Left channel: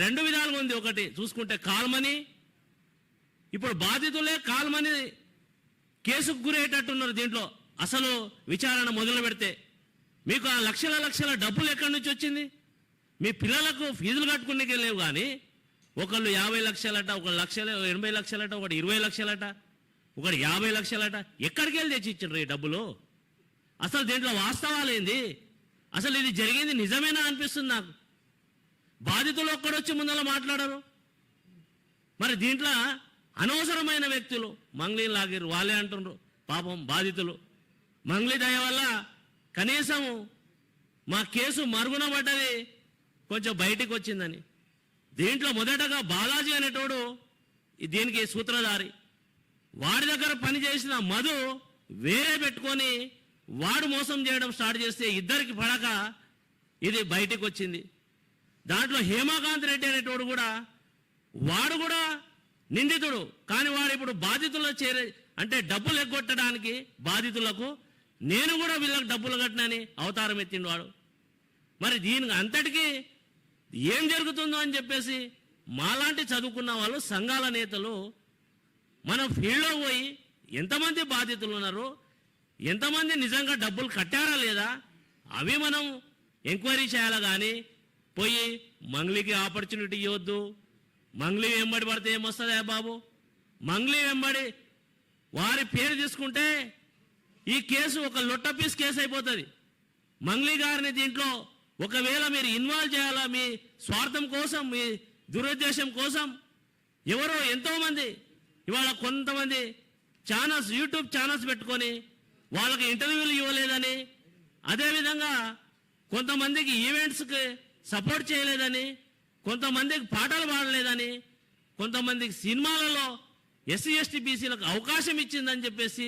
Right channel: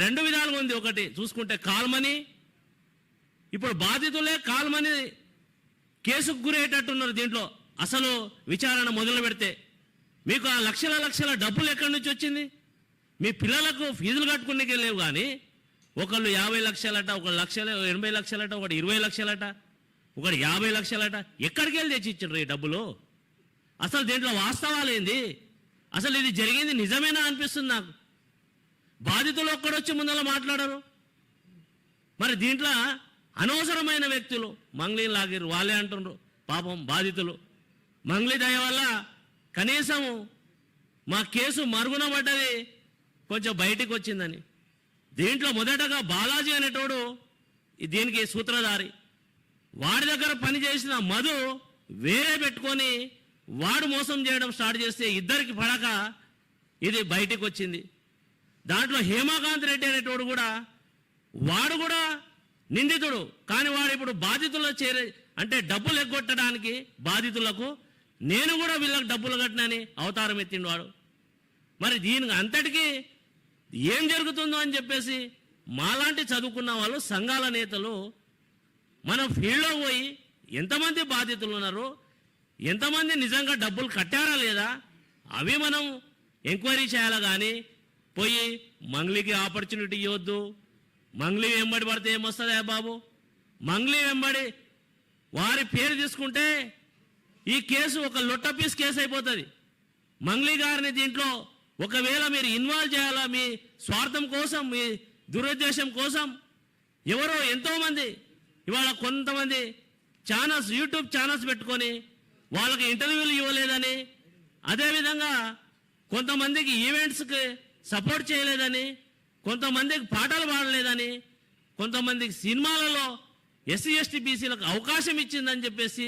రెండు విధాలుగా ఉంది. ఒకటి చూసుకుంటే కాల్మని, ఇప్పుడు బాధితులే కాల్మని కేసుకు గురయ్యేటట్టున్నారు. దీంట్లో అసలు విచారణ మొదలు పెడితే మీకు ఆ లక్షల లక్షల డబ్బులు ఎక్కడి నుంచి వచ్చింది? మీ పిల్లలకు ఫీజులు కట్టుకునేకే లేవు. కానీ ఒకళ్ళు 50 లక్షలట, ఒక 80 లక్షలట, ఒకటి 20 లక్షలట, ఒకటి 50 లక్షలట. ఎక్కడికి వెళ్ళి తెచ్చి ఇచ్చిండ్రు ఈ డబ్బులు? అసలు దీంట్లో వాస్తవాలు ఏంది? అసలు ఇది జరిగింది నిజమేనా అనిపిస్తుంది నాకు. బాధితులు ఒక్కడొచ్చి ముందర మాట్లాడరు. మరి దీంట్లో అనవసరమైన వ్యక్తులు మంగ్లీ లాగిరు. వాళ్ళే అంటుండ్రు పాపం బాధితులు. మంగ్లీ దయ వల్ల కనీసం మా కేసు మరుగున పడ్డది, కొంచెం బయటికి వచ్చిందని. దీంట్లో మొదటగా బాలాజీ అనేటోడు దీనికి సూత్రధారి. వాడి దగ్గర పనిచేసిన మధు వేరే పెట్టుకొని వాడు మోసం చేయడం స్టార్ట్ చేస్తే ఇద్దరికి పడక ఇది బయటికి వచ్చింది. దాంట్లో హేమాకాంత్ రెడ్డి అనేటోడు కూడా, వాడు కూడా నిందితుడు. కానీ వాడు ఇప్పుడు బాధితుల్లో చేరి అంటే డబ్బులు ఎగ్గొట్టడానికి బాధితులకు నేను కూడా వీళ్ళకి డబ్బులు కట్టినని అవతారం ఎత్తిండు వాడు. మరి దీనికి అంతటికీ ఏం జరుగుతుందో అని చెప్పేసి మాలాంటి చదువుకున్న వాళ్ళు, సంఘాల నేతలు మనం ఫీల్డ్లో పోయి ఎంతమంది బాధితులు ఉన్నారు, ఎంతమంది నిజంగా డబ్బులు కట్టారా లేదా అవి మనం ఎంక్వైరీ చేయాలి. కానీ పోయి మంగ్లీకి ఆపర్చునిటీ ఇవ్వద్దు. మంగ్లీ వెంబడి పడితే ఏమొస్తుందా బాబు? మంగ్లీ వెంబడి వారి పేరు తీసుకుంటే ఈ కేసు ఒక లొట్టపీస్ కేసు అయిపోతుంది. మంగ్లీ గారిని దీంట్లో ఒకవేళ మీరు ఇన్వాల్వ్ చేయాలా, మీ స్వార్థం కోసం, మీ దురుద్దేశం కోసం ఎవరో ఎంతో మంది ఇవాళ కొంతమంది ఛానల్స్, యూట్యూబ్ ఛానల్స్ పెట్టుకొని వాళ్ళకి ఇంటర్వ్యూలు ఇవ్వలేదని, అదేవిధంగా కొంతమందికి ఈవెంట్స్కి సపోర్ట్ చేయలేదని, కొంతమందికి పాటలు పాడలేదని, కొంతమందికి సినిమాలలో ఎస్సీ ఎస్టీ బీసీలకు అవకాశం ఇచ్చిందని చెప్పేసి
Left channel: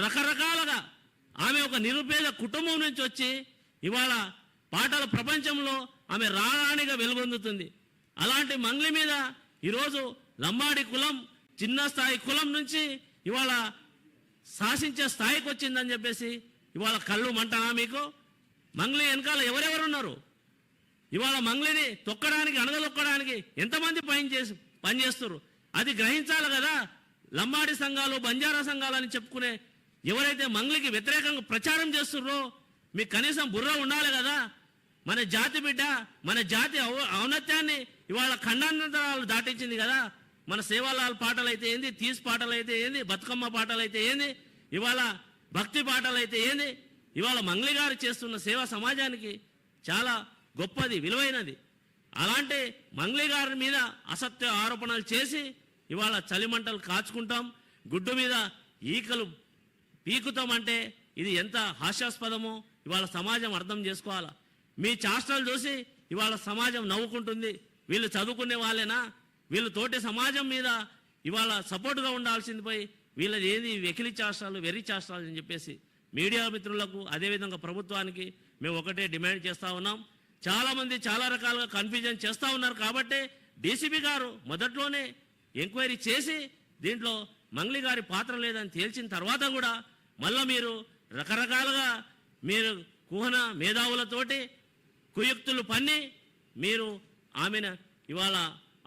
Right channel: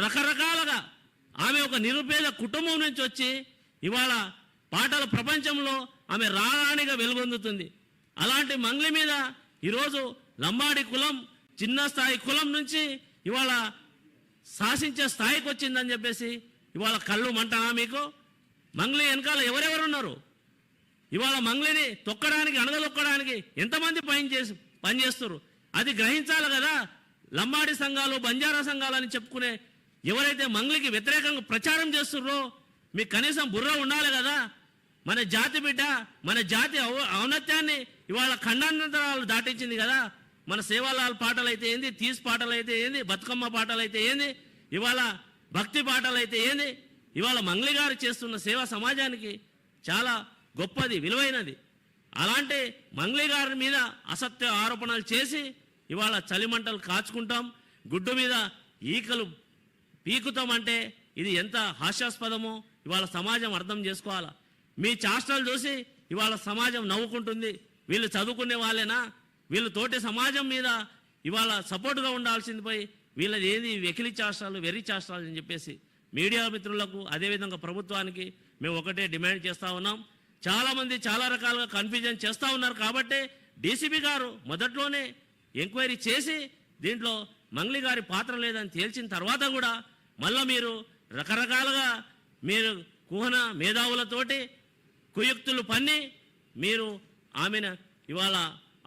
రకరకాలుగా ఆమె ఒక నిరుపేద కుటుంబం నుంచి వచ్చి ఇవాళ పాటల ప్రపంచంలో ఆమె రాణిగా వెలుగొందుతుంది. అలాంటి మంగ్లీ మీద ఈరోజు లంబాడి కులం, చిన్న స్థాయి కులం నుంచి ఇవాళ శాసించే స్థాయికి వచ్చిందని చెప్పేసి ఇవాళ కళ్ళు మంటనా మీకు? మంగ్లీ వెనకాల ఎవరెవరున్నారు? ఇవాళ మంగ్లీని తొక్కడానికి, అణగదొక్కడానికి ఎంతమంది పనిచేస్తున్నారు? అది గ్రహించాలి కదా. లంబాడి సంఘాలు, బంజారా సంఘాలు అని చెప్పుకునే ఎవరైతే మంగ్లీకి వ్యతిరేకంగా ప్రచారం చేస్తున్నారో మీకు కనీసం బుర్ర ఉండాలి కదా. మన జాతి బిడ్డ, మన జాతి ఔన్నత్యాన్ని ఇవాళ ఖండాంతరాలు దాటించింది కదా. మన సేవాలాల్ పాటలు అయితే ఏంది, తీస్ పాటలు అయితే ఏంది, బతుకమ్మ పాటలు అయితే ఏంది, ఇవాళ భక్తి పాటలు అయితే ఏంది, ఇవాళ మంగ్లీ గారు చేస్తున్న సేవ సమాజానికి చాలా గొప్పది, విలువైనది. అలాంటి మంగ్లీ గారి మీద అసత్య ఆరోపణలు చేసి ఇవాళ చలిమంటలు కాచుకుంటాం, గుడ్డు మీద ఈకలు పీకుతాం అంటే ఇది ఎంత హాస్యాస్పదమో ఇవాళ సమాజం అర్థం చేసుకోవాలా. మీ చేష్టలు చూసి ఇవాళ సమాజం నవ్వుకుంటుంది. వీళ్ళు చదువుకునే వాళ్ళేనా? వీళ్ళు తోటి సమాజం మీద ఇవాళ సపోర్టుగా ఉండాల్సింది పోయి వీళ్ళది ఏది వెకిలి చేష్టాలు, వెర్రి చేష్టాలు అని చెప్పేసి మీడియా మిత్రులకు, అదేవిధంగా ప్రభుత్వానికి మేము ఒకటే డిమాండ్ చేస్తూ ఉన్నాం. చాలా మంది చాలా రకాలుగా కన్ఫ్యూజన్ చేస్తూ ఉన్నారు. కాబట్టి డీసీపీ గారు మొదట్లోనే ఎంక్వైరీ చేసి దీంట్లో మంగ్లీ గారి పాత్ర లేదని తేల్చిన తర్వాత కూడా మళ్ళా మీరు రకరకాలుగా మీరు కుహన మేధావులతోటి కుయుక్తులు పన్ని మీరు ఆమెను ఇవాళ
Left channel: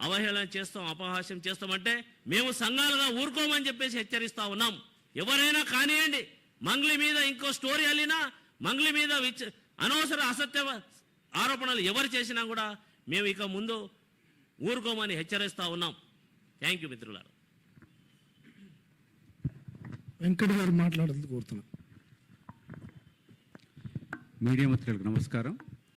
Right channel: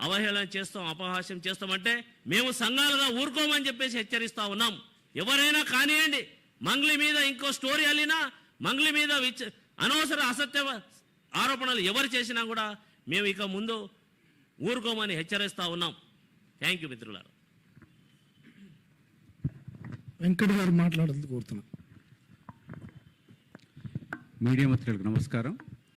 అవహేళన చేస్తాం, అపహాస్యం చేస్తామంటే మేము సంఘాలుగా ఊరుకోమని చెప్పేసి హెచ్చరిస్తా ఉన్నాం. ఎవరైనా కానివ్వండి, మంగ్లీ మీద ఇంకో స్టోరీ అల్లినా, మంగ్లీ మీద అనవసర అసత్య ఆరోపణలు ఎవరు చేసినా కూడా మేము ఇక ముందు ఊరుకోమని హెచ్చరిస్తా ఉన్నాం. థ్యాంక్ యూ మిత్రులారా. వెంకట గారు మాట్లాడాలని కోరుతున్నాం. మీడియా మిత్రులకు నమస్కారం.